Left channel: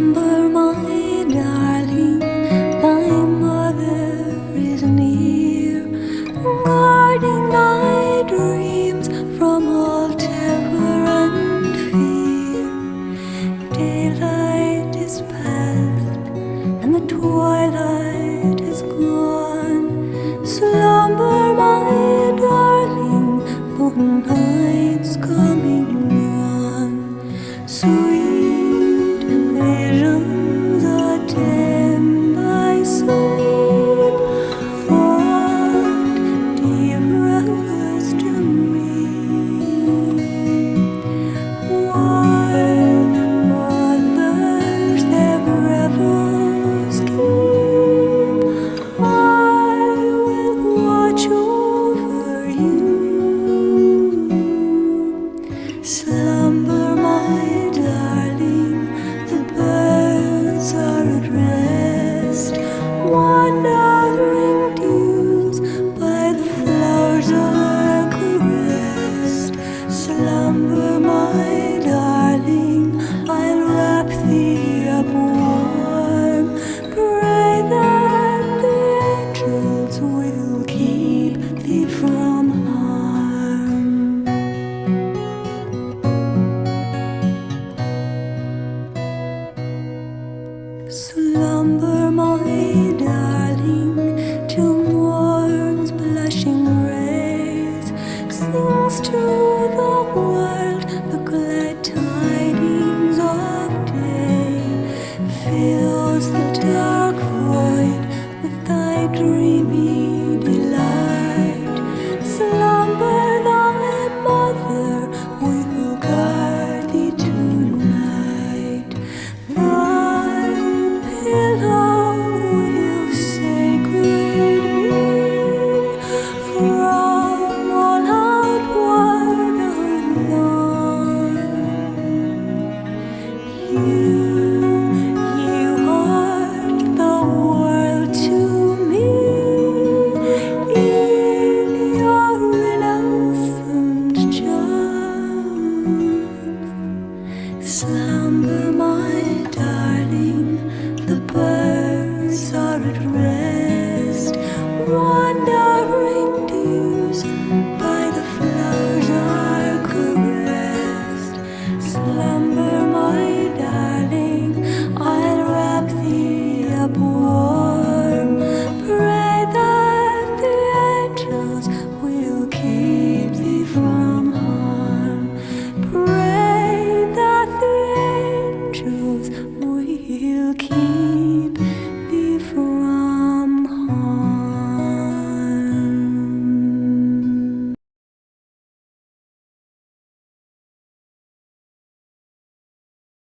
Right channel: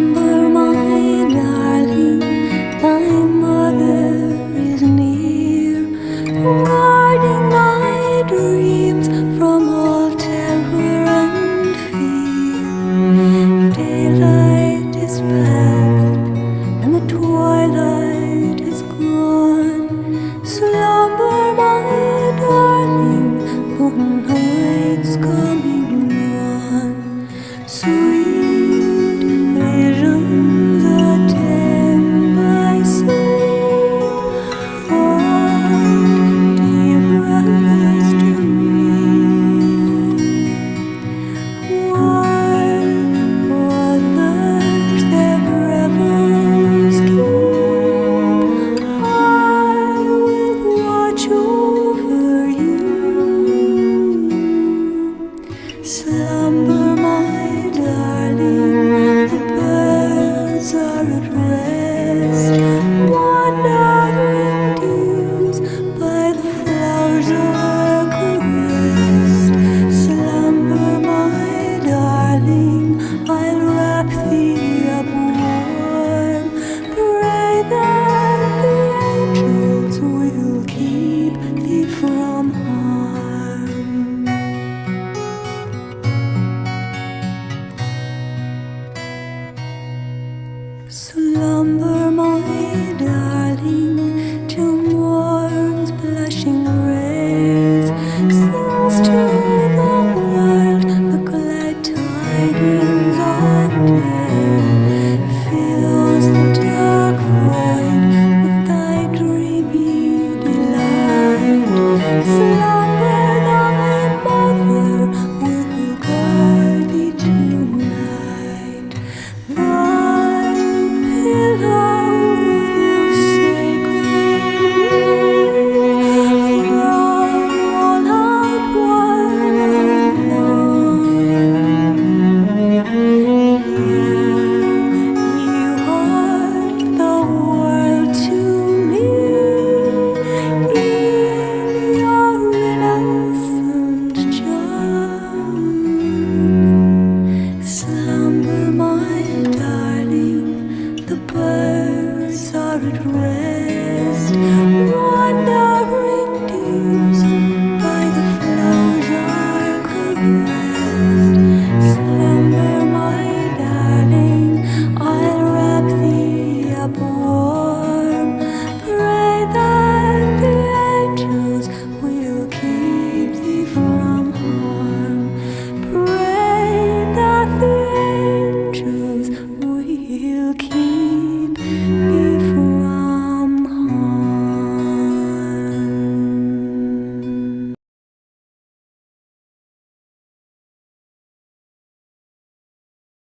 Slumber, my darling, thy mother is near, guarding thy dreams from all terror and fear. Daylight is past and the twilight is gone. Slumber, my darling, the night's coming on. Sweet visions attend thy sleep, what dearest to me. While others their revels keep, I will watch over you. Slumber, my darling, the birds are at rest, wandering dews by the flowers are caressed. Slumber, my darling, I'll wrap thee up warm, pray that the angels will keep thee from harm. Slumber, my darling, till morn's blushing rays sings to the world the glad tidings of day, fills the dark void with thy dreamy delight. Slumber, thy mother will guard thee tonight. Thy pillow will sacred be from all outward alarm. You art the world to me in your innocent charm. Slumber, my darling, the birds are at rest, wandering dews by the flowers are caressed. Slumber, my darling, I'll wrap thee up warm, pray that the angels will keep thee from harm. Pray that the angels will keep